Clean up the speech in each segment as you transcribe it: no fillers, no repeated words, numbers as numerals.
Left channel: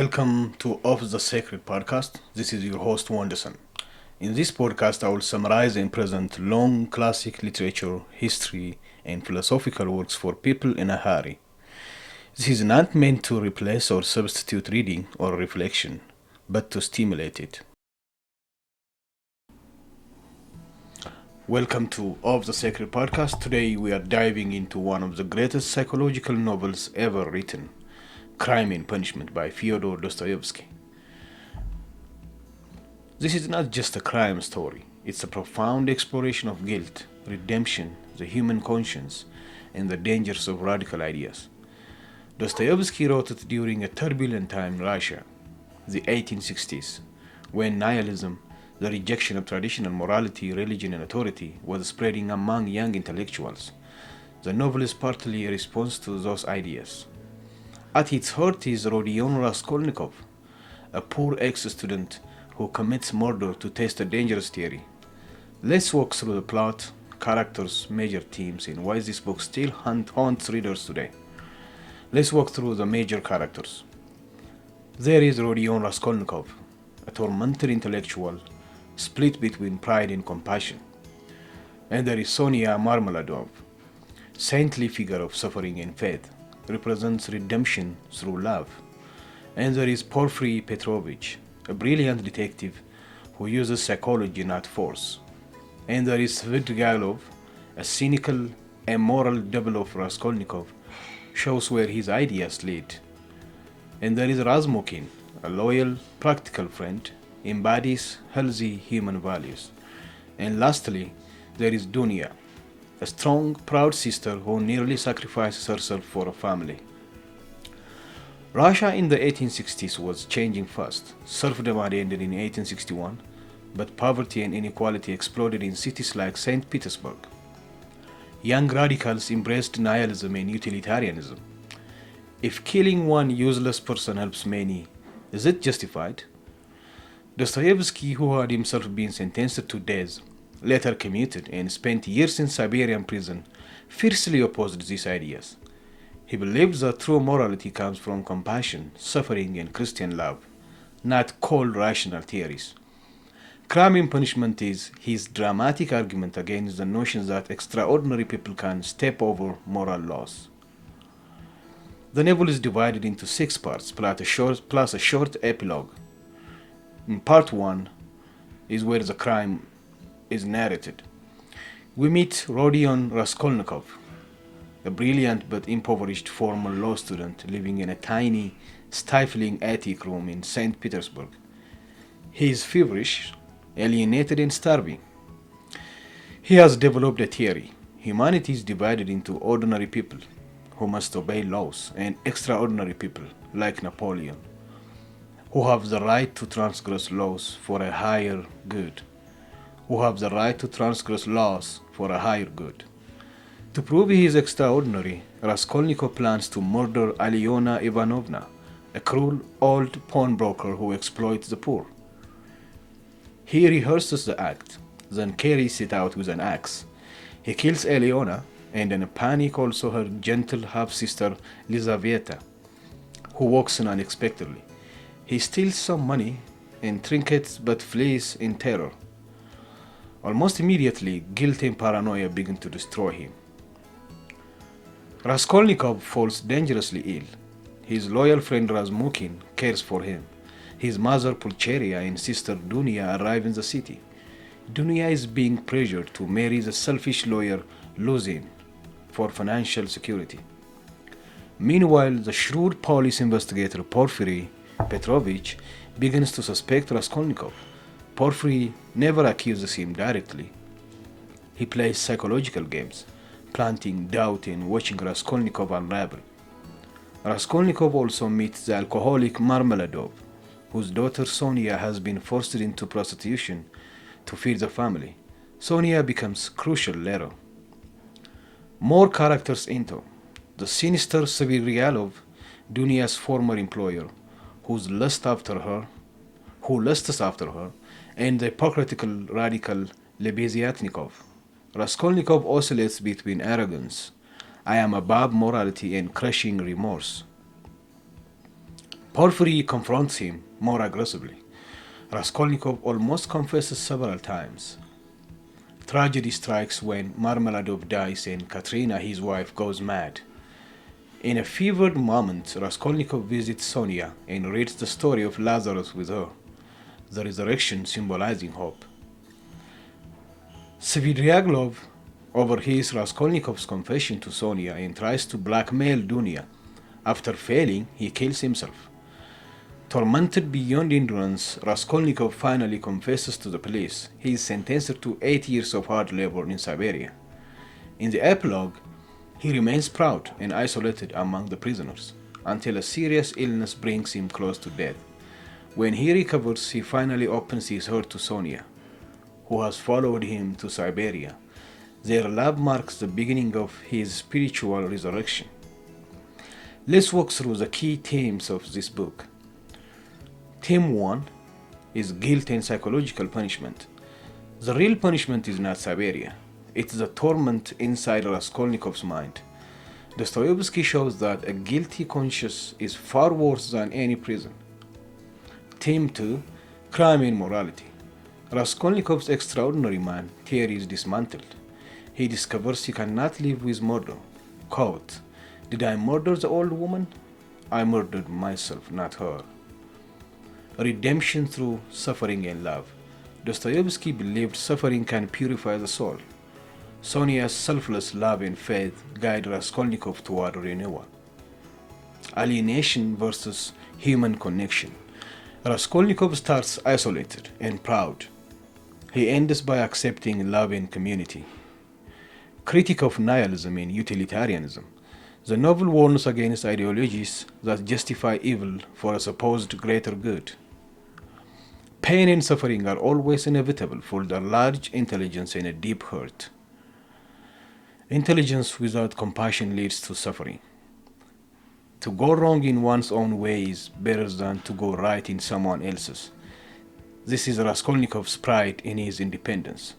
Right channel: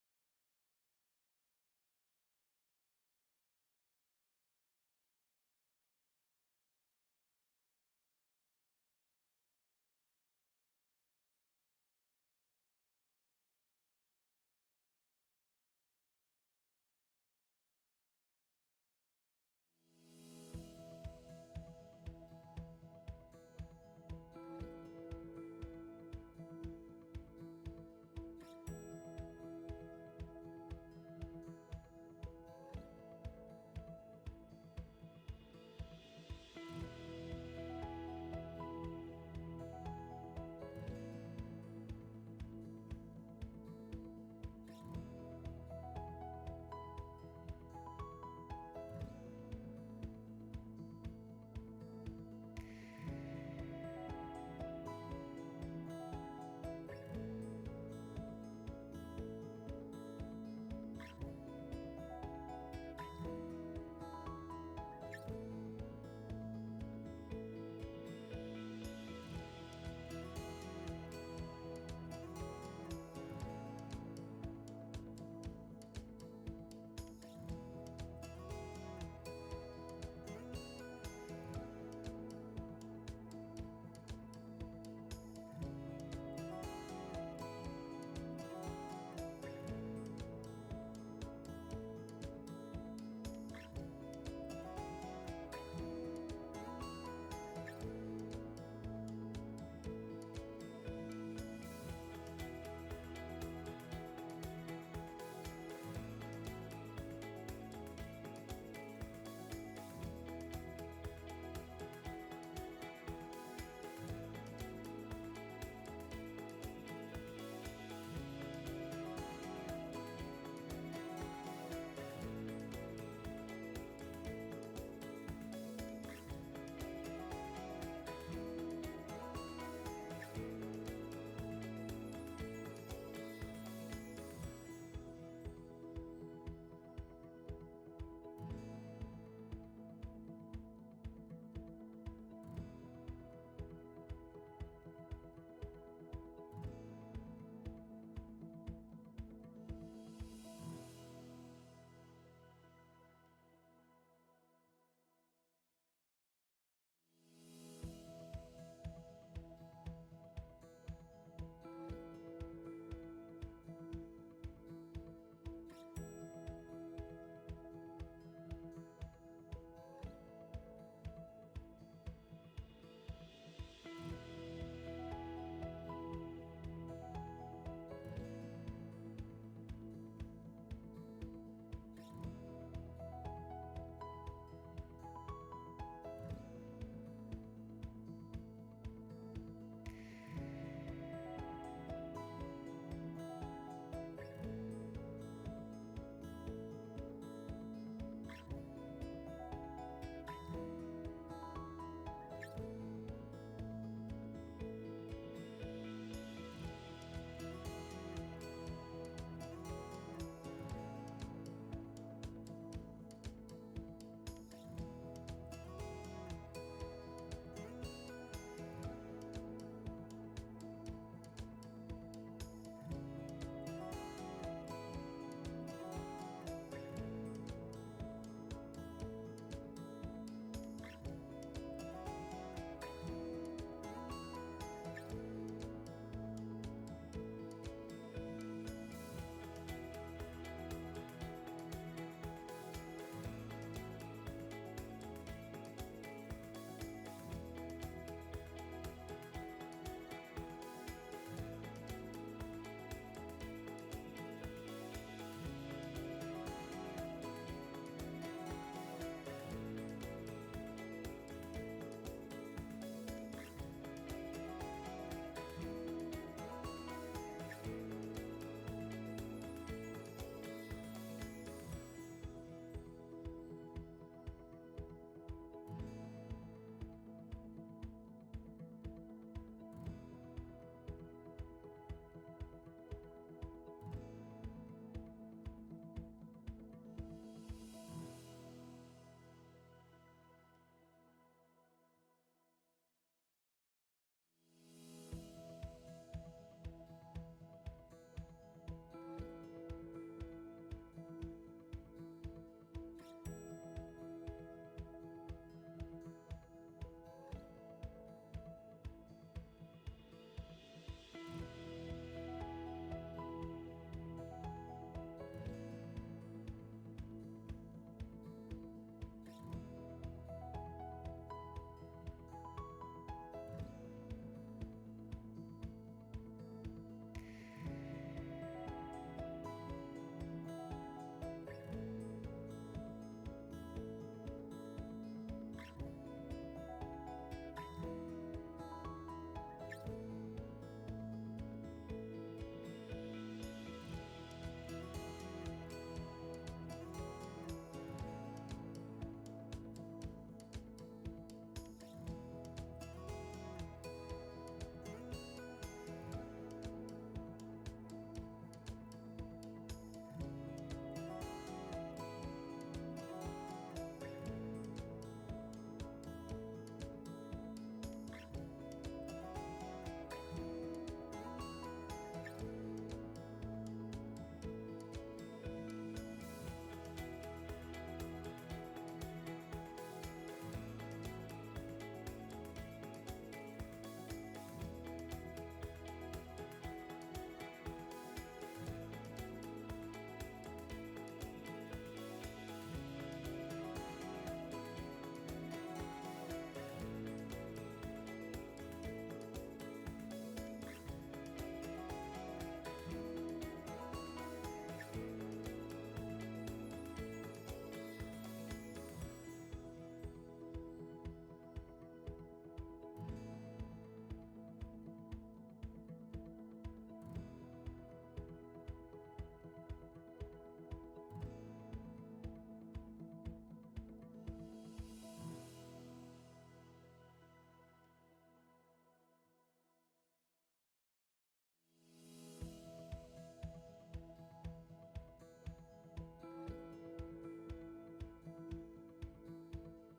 Welcome to Off the Sacred podcast. This is your host Wondesen. In this podcast, I will summarize and present long classic literature, history, and philosophical works for people in a hurry. This is not meant to replace or substitute reading or reflection, but to stimulate it. Welcome to Off the Sacred podcast. Today we are diving into one of the greatest psychological novels ever written, Crime and Punishment by Fyodor Dostoevsky. This is not just a crime story, it's a profound exploration of guilt, redemption, the human conscience, and the dangers of radical ideas. Dostoevsky wrote it during a turbulent time in Russia, the 1860s, when nihilism, the rejection of traditional morality, religion, and authority, was spreading among young intellectuals. The novel is partly a response to those ideas. At its heart is Rodion Raskolnikov, a poor ex-student who commits murder to test a dangerous theory. Let's walk through the plot, characters, major themes, and why this book still haunts readers today. Let's walk through the major characters. There is Rodion Raskolnikov, a tormented intellectual, split between pride and compassion. And there is Sonia Marmeladov, saintly figure of suffering and faith, represents redemption through love. And there is Porfiry Petrovich, a brilliant detective who uses psychology, not force. And there is Svidrigailov, a cynical, immoral double of Raskolnikov, shows where his ideas lead. And there is Razmokin, a loyal, practical friend, embodies healthy human values. And lastly, there is Dunya, a strong, proud sister who nearly sacrifices herself for a family. Russia in the 1860s was changing fast. Serfdom had ended in 1861, but poverty and inequality exploded in cities like St. Petersburg. Young radicals embraced nihilism and utilitarianism. If killing one useless person helps many, is it justified? Dostoevsky, who had himself been sentenced to death, later commuted and spent years in Siberian prison, fiercely opposed these ideas. He believed that true morality comes from compassion, suffering, and Christian love, not cold rational theories. Crime and Punishment is his dramatic argument against the notion that extraordinary people can step over moral laws. The novel is divided into 6 parts plus a short epilogue. In part 1 is where the crime is narrated. We meet Rodion Raskolnikov, a brilliant but impoverished former law student living in a tiny, stifling attic room in St. Petersburg. He is feverish, alienated, and starving. He has developed a theory. Humanity is divided into ordinary people who must obey laws and extraordinary people like Napoleon who have the right to transgress laws for a higher good. Who have the right to transgress laws for a higher good. To prove he is extraordinary, Raskolnikov plans to murder Alyona Ivanovna, a cruel old pawnbroker who exploits the poor. He rehearses the act, then carries it out with an axe. He kills Alyona and in a panic also her gentle half-sister Lizaveta, who walks in unexpectedly. He steals some money and trinkets but flees in terror. Almost immediately, guilt and paranoia begin to destroy him. Raskolnikov falls dangerously ill. His loyal friend Razmukin cares for him. His mother Pulcheria and sister Dunya arrive in the city. Dunya is being pressured to marry the selfish lawyer Luzin for financial security. Meanwhile, the shrewd police investigator Porfiry Petrovich begins to suspect Raskolnikov. Porfiry never accuses him directly. He plays psychological games, planting doubt and watching Raskolnikov unravel. Raskolnikov also meets the alcoholic Marmeladov, whose daughter Sonia has been forced into prostitution to feed the family. Sonia becomes crucial later. More characters enter. The sinister Svidrigailov, Dunya's former employer, who lusts after her, and the hypocritical radical Lebeziatnikov. Raskolnikov oscillates between arrogance, I am above morality, and crushing remorse. Porfiry confronts him more aggressively. Raskolnikov almost confesses several times. Tragedy strikes when Marmeladov dies and Katrina, his wife, goes mad. In a fevered moment, Raskolnikov visits Sonia and reads the story of Lazarus with her, the resurrection symbolizing hope. Svidrigailov overhears Raskolnikov's confession to Sonia and tries to blackmail Dunya. After failing, he kills himself. Tormented beyond endurance, Raskolnikov finally confesses to the police. He is sentenced to 8 years of hard labor in Siberia. In the epilogue, he remains proud and isolated among the prisoners until a serious illness brings him close to death. When he recovers, he finally opens his heart to Sonia, who has followed him to Siberia. Their love marks the beginning of his spiritual resurrection. Let's walk through the key themes of this book. Theme 1 is guilt and psychological punishment. The real punishment is not Siberia. It's the torment inside Raskolnikov's mind. Dostoevsky shows that a guilty conscience is far worse than any prison. Theme 2, crime and morality. Raskolnikov's extraordinary man theory is dismantled. He discovers he cannot live with murder. Quote, "Did I murder the old woman? I murdered myself, not her." Redemption through suffering and love. Dostoevsky believed suffering can purify the soul. Sonia's selfless love and faith guide Raskolnikov toward renewal. Alienation versus human connection. Raskolnikov starts isolated and proud. He ends by accepting love and community. Critique of nihilism and utilitarianism. The novel warns against ideologies that justify evil for a supposed greater good. Pain and suffering are always inevitable for the large intelligence and a deep hurt. Intelligence without compassion leads to suffering. To go wrong in one's own way is better than to go right in someone else's. This is Raskolnikov's pride in his independence.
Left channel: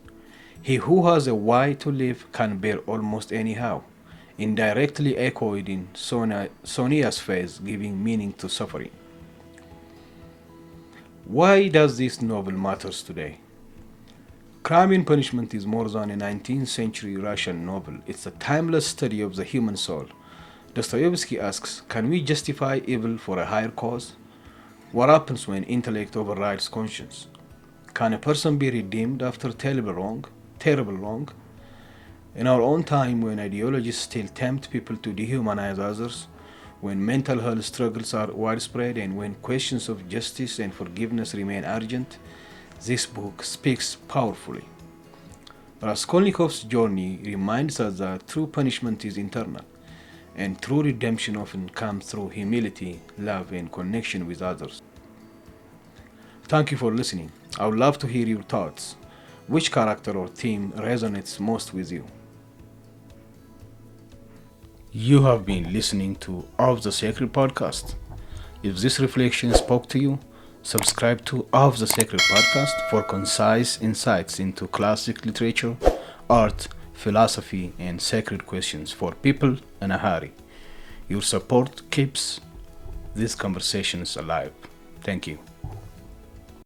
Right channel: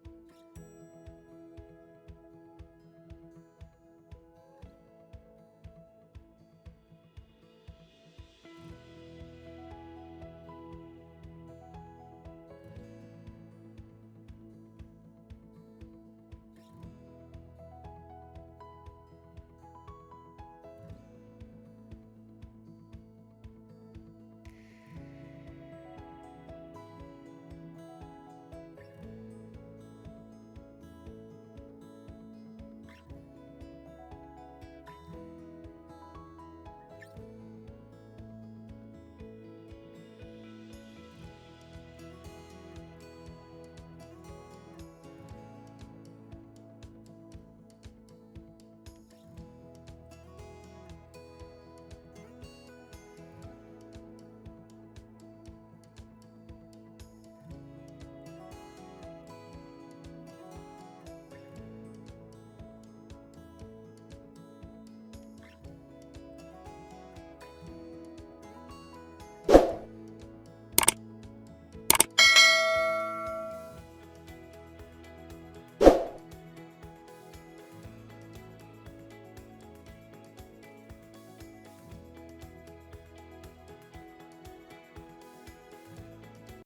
He who has a why to live can bear almost anyhow, indirectly echoed in Sonia's face, giving meaning to suffering. Why does this novel matters today? Crime and Punishment is more than a 19th century Russian novel. It's a timeless study of the human soul. Dostoevsky asks, can we justify evil for a higher cause? What happens when intellect overrides conscience? Can a person be redeemed after terrible wrong? In our own time, when ideologies still tempt people to dehumanize others, when mental health struggles are widespread, and when questions of justice and forgiveness remain urgent, this book speaks powerfully. Raskolnikov's journey reminds us that true punishment is internal, and true redemption often comes through humility, love, and connection with others. Thank you for listening. I would love to hear your thoughts. Which character or theme resonates most with you? You have been listening to Of the Sacred Podcast. If this reflection spoke to you, subscribe to Of the Sacred Podcast for concise insights into classic literature, art, philosophy, and sacred questions for people in a hurry. Your support keeps these conversations alive. Thank you.